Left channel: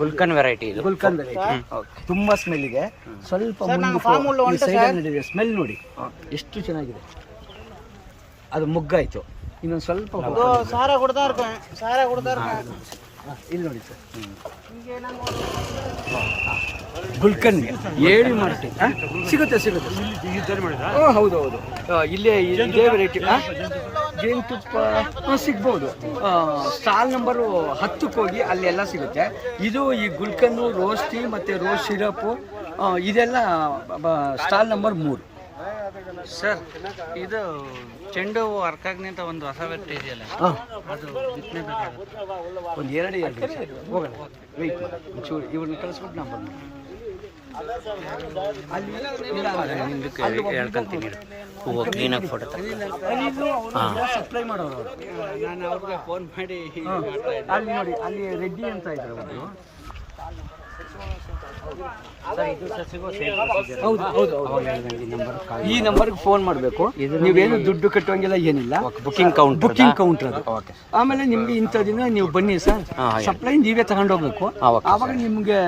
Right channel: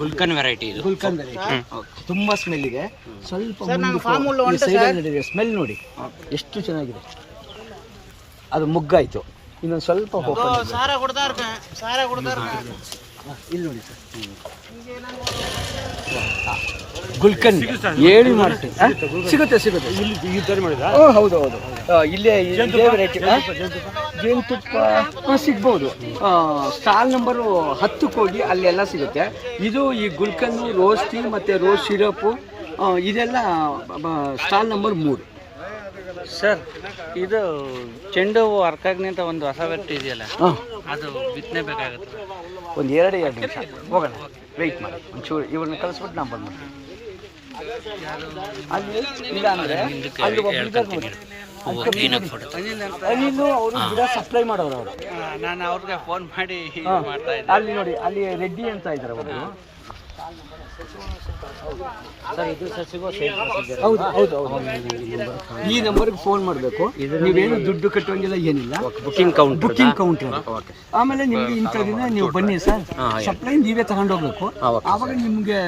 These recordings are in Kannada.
ಗುಲ್ಕನ್ ವೆರೈಟಿ. ಗುಲ್ಕಂದ್ ವೆರೈಟಿ ತುಂಬಾ ಸ್ಮೆಲ್ ಇದೆ. ಸ್ವಲ್ಪ ಮುಂದಕ್ಕೆ ಈ ಸೈಡಲ್ಲಿ ನಡೆದಿದೆ, ಸ್ಮೆಲ್ ನೋಡಿ ಎಷ್ಟು ಚೆನ್ನಾಗಿದೆ. ಅದು ಮುಗ್ಗಾಯ್ತು, ಇನ್ನೊಂದು ಸ್ವಲ್ಪ ಇಲ್ಲಿ ನೋಡಿ ಸರ್. ಗುಲ್ಕಂದ್ ಹೇಳಿ ಮಾಡ್ತೀನಿ. ಸಿಗುತ್ತೆ ಹೌದು ಇಲ್ಲೇ ಇದೇ ವೆರೈಟಿ. ಜೇನುತುಪ್ಪ ಸಿಗ್ಬೋದು. ಸ್ಟಾಲ್ ನಂಬರು 10ಕ್ಕೆ ಹೋಗಿ ಅಲ್ಲೆಲ್ಲ ಸಿಗುತ್ತೆ. ಇದು ಈ ಗುಲ್ಕನ್ನು, ರೋಸ್ ಟೀ ಮತ್ತು ರೋಸ್ ಸಿರಪ್ಪು ಇದೆಲ್ಲ ಸ್ಟಾಲ್ ನಂಬರ್ 3. ಸರ್, ಇದು ಚೆಂಡು ಹೂವು ಅರ್ಕಾಗ್ನಿಂತ ಒಂದು ಹೊಸ ವೆರೈಟಿ ಇದೆಯಲ್ಲ, ಅದು ಬಿತ್ತನೆ ಬೇಕಾಗುತ್ತೆ. ಒಂದು 2 ನಿಮಿಷ ಹೋಗೋಣ, ವೆಯ್ಟ್ ಮಾಡಿ ಒಂಚೂರು. ಇವ್ರನ್ನ ಕಳಿಸ್ಬಿಟ್ಟು ನಾವು ಬಂದು ಗಿಡ ಸಪ್ಲೈ ಮಾಡೋರು ಅವರು. ನಾನು ಅವ್ರಿಗೆ ಫೋನ್ ಮಾಡಿ ಮಾಡ್ತಾ ಇದ್ದೆ. ಅಲ್ಲಿ ನೋಡಿ, ಅಲ್ಲಿ ರೆಡ್ಡಿ ಅಂತ ಇದ್ದಾರೆ ಅವರು. ಹೌದು ಈ ನಂಬರ್ಗೆ ಫೋನ್ ಮಾಡಬೇಕು. ನೀವೇನು ದುಡ್ಡು ಕಟ್ಟುವಂಗಿಲ್ಲ, ಏನಿಲ್ಲ. ಬುಕ್ಕಿಂಗ್ ಕೌಂಟರ್ ಅದು. ಆಮೇಲೆ ನಿಮ್ಗೆ ಇಂಥ ದಿನ ನೀವು ಬನ್ನಿ ಸರ್, ಸಪ್ಲೈ ನೀವೇ ತಗೊಂಡೋಗ್ಬೇಕು. ಆವಾಗ ನಿಮ್ಗೆ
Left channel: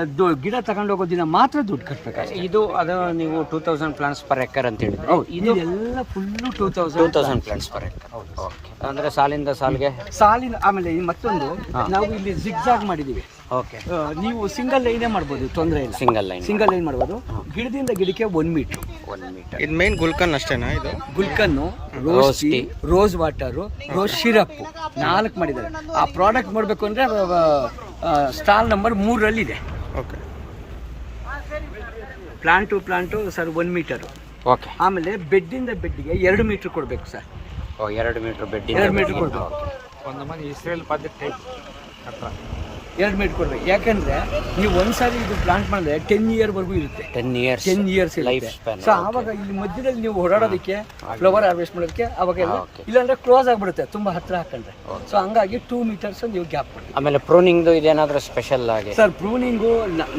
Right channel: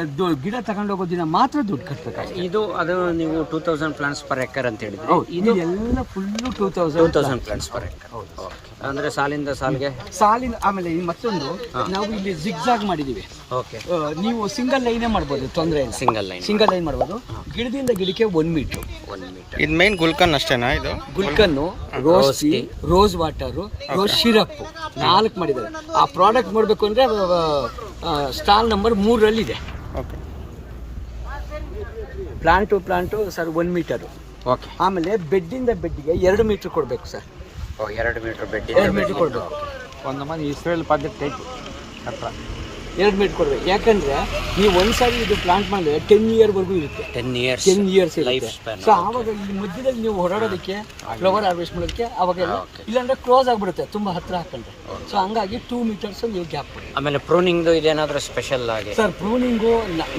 ಗಿಡ ತಗೊಂಡೋಗೋ ದಿನ ಮಾತ್ರ ದುಡ್ಡು ಕಟ್ಟಬೇಕಾಗುತ್ತೆ. ಇದು ಅದನ್ನು ನೀವು 2000 ಪ್ಲಾಂಟ್ಸ್ ಪರ್ ಎಕರ್ ಅಂತ ಹೇಳಿದ್ರೆ. ಹೌದು, ಇದು ಎಲ್ಲ ಫುಲ್ಲು 2000 ಪ್ಲಾಂಟ್ಸ್ ಪರ್ ಎಕರ್. ಹೌದು, ಅಂದ್ರೆ ಸಾಲಿಂದ ಆಮೇಲೆ ಮತ್ತೊಂದು ನಾವು ಇಲ್ಲಿ ಜಿಗ್ಜಾಗ್ ಮಾಡಿದೀವಿ. ನೀವು ಸಿಂಗಲ್ ಲೈನೇ ಮಾಡ್ಬೋದು, ತೊಂದರೆ ಇಲ್ಲ. ಸಿಂಗಲ್ ಲೈನ್ ಮಾಡ್ಬೋದು. ಗಿಡದಿಂದ ಗಿಡಕ್ಕೆ 1 ಮೀಟರ್. ಇದು ಮೈನ್ ಗುಲ್ಕನ್ ಅಷ್ಟೇನಾ? ಇದು ಗುಲ್ಕನ್ನು, rose tea, rose water, rose syrup 4 ಮಾಡಿದ್ದಾರೆ. ಆ ಪ್ರಾಡಕ್ಟ್ ಮಾಡಬೇಕು ಅಂದ್ರೆ ಸ್ಟಾಲ್ ನಂಬರ್ 3ರಲ್ಲಿದೆ. Okay. Plant sir 1 metre. Okay. ಆಮೇಲೆ ಬೆಡ್ಡಿಂದ ಬೆಡ್ಗೆ 2 ಮೀಟರ್ ಕೊಡಬೇಕು ಸರ್. 2 ಮೀಟರ್ ಬೆಡ್, 2 ಮೀಟರ್ ಕೊಡಬೇಕು. ಒಂದು ಮಂದಿ ಇಸ್ರೇಲ್ ಪದ್ಧತಿ ಟೈಪ್ ಹತ್ರ 2 ಮೀಟರ್ ಕೊಡ್ಬೇಕು. ಯಾಕಂದ್ರೆ ನೀವು ಒಂದ್ಸಾರಿ ಇದು ಪ್ಲಾಂಟ್ ಮಾಡಿದ್ರೆ 10 ಇಯರ್ವರೆಗೂ ಇರುತ್ತೆ. 10 ಇಯರ್ಸ್ ಇರುತ್ತೆ. ಸೊ ಆವಾಗ ಇಲ್ಲಿ ಮಧ್ಯದಲ್ಲಿ ನೀವು ಓಡಾಡೋದಕ್ಕೆ, ಫ್ಲವರ್ ಹಾರ್ವೆಸ್ಟ್ ಮಾಡೋದಕ್ಕೆ ಅವಾಗೆಲ್ಲ, ಇಲ್ಲಾಂದ್ರೆ ಕ್ಲೋಸ್ ಆಗಿಬಿಡುತ್ತೆ ತುಂಬ ಹತ್ರ ಹಾಕೊಂಡ್ರೆ. ಸೊ ಹಂಗಾಗಿ 2 ಮೀಟರ್ಸ್ ನೀವು ಗ್ಯಾಪ್ ಕೊಡಿ. ಆಮೇಲೆ ಪ್ರೂನಿಂಗ್ದು ಇದೇನಾದರೂ ಸ್ಪೆಷಲ್ ಆಗಿ? ಸರ್, ಪ್ರೂನಿಂಗು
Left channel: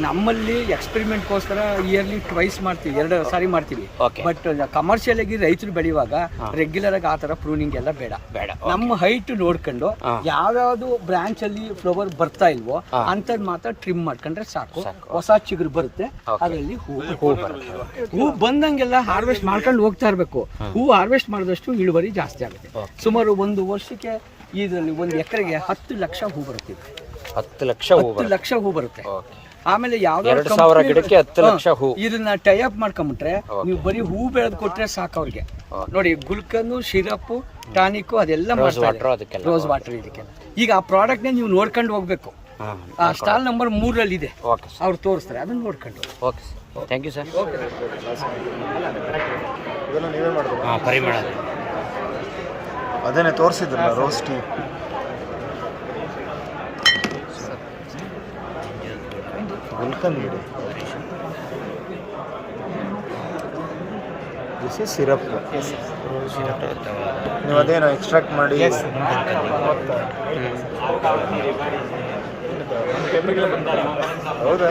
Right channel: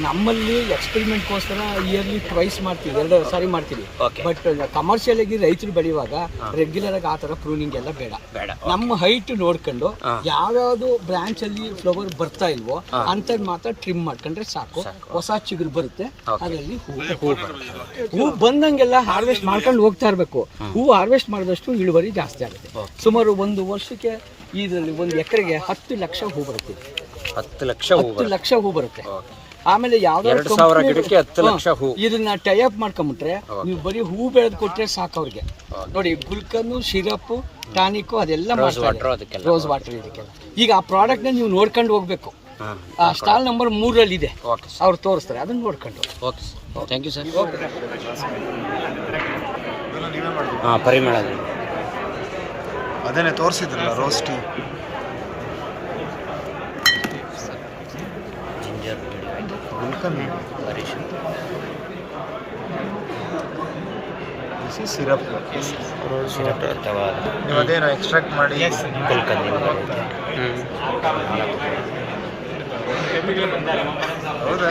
ನಮ್ಮಲ್ಲಿ ಎಕ್ಸ್ಪೆರಿಮೆಂಟ್ಗೋಸ್ಕರ ಇಯರ್ಲಿ ಟ್ವೈಸ್ ಮಾಡ್ತೀವಿ, 2 ಸಾರಿ ಮಾಡ್ತೀವಿ. ಬಟ್ ಕಮರ್ಷಿಯಲ್ ಆಗಿ ರೈತರು ಬೆಳೆಯುವಾಗ ರೆಗ್ಯುಲರ್ ಆಗಿ ಆ ಥರ ಪ್ರೂನಿಂಗ್ ಎಲ್ಲ ಬೇಡ. ನಮ್ಮ ಹೈಟ್ ನೋಡ್ಕೊಂಡು ಯಾವ್ಯಾವುದು ಬ್ರಾಂಚ್ ಅಲ್ಲಿ ಫ್ಲವರ್ ಬರ್ತಾ ಇಲ್ವೋ ಅಂತದ್ ಮಾತ್ರ ಟ್ರಿಮ್ ಮಾಡ್ಕೊಂಡ್ರೆ ಸಾಕು. ಹೊಸ ಚಿಗುರು ಬರುತ್ತೆ, ಅದರಲ್ಲಿ ಹೂ ಬಂದಂಗೆಲ್ಲ ಹಾರ್ವೆಸ್ಟ್ ಮಾಡ್ಕೊಂಡು ಹೋಗ್ತಾ ಇರಬೇಕು. ಹೂ ಹಾರ್ವೆಸ್ಟ್ ಮಾಡಿದಷ್ಟು ಇಳುವರಿ ಜಾಸ್ತಿ ಆಗುತ್ತೆ. ಸುಮಾರು 1 ವರ್ಷಕ್ಕೆ ಇದರಲ್ಲಿ 1 ಎಕರೆಗೆ 10 ಲಕ್ಷ ಹೂ ಬರುತ್ತೆ. 10 ಲಕ್ಷ ಹೂ ಬರುತ್ತೆ. ಆಮೇಲೆ ಯಾವ್ದಾದ್ರು ಇದನ್ನ ಟೈಅಪ್ ಮಾಡ್ಕೊಂಬಿಟ್ರೆ ನೀವು ಬರೀ ಹೂ ಬೆಳೆದು ಕೊಟ್ರೆ ಸಾಕು ಅವ್ರಿಗೆ. ನೋಡಿ, ಗುಲ್ಕನ್ನು, ಸಿರಪ್, ಟಾನಿಕ್ ಅದೆಲ್ಲ ಮಾಡ್ತಾ ಇದ್ದಾರೆ, ರೋಸ್ ವಾಟರ್ ಇದಕ್ಕೆಲ್ಲ. ಈಗ ಆ ಪ್ರಾಡಕ್ಟ್ನ ನೀವು ನೋಡ್ಕೊಂಡು ಹೋಗ್ಬೇಕು. ಆ ಸ್ಟಾಲ್ ನಂಬರ್ 3ರಲ್ಲಿ ಇದೆ, ಅವ್ರು ತೋರಿಸ್ತಾರೆ, ಅದನ್ನ ನೋಡ್ಕೊಂಡು. Okay, thank you sir. ಪರಿಮಳ ಅದನ್ನೇ ತೋರಿಸಿದ್ರಲ್ಲ, rose tea. This is syrup, rose water. ಅದೇನು ಎಕ್ಸ್ಟ್ರಾಕ್ಟ್ ಮಾಡಿ ಹೌದಾ?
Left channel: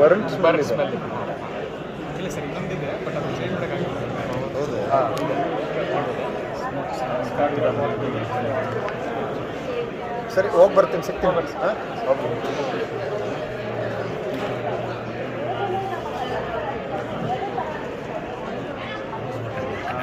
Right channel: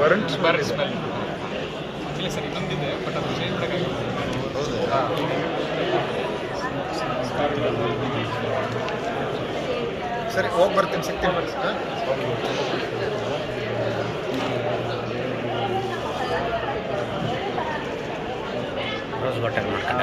ಬರ್ನ್ಸ್ ಸ್ಮೆಲ್ ಇಲ್ಲ ಸರ್, ಇನ್ನೊಂದಿದೆ ಬಟ್ ಅದು ಚೇಂಜ್ ಮಾಡೋಕ್ಕಾಗಲ್ಲ. ಸರಿ, ಹೋಗಿ ಬರ್ತೀನಿ, ಸಿಗ್ತೀನಿ. ಹಾಂ, ಓಕೆ. ರೋಸ್ ವಾಟರ್ ಮಾಡ್ಕೊಂಡ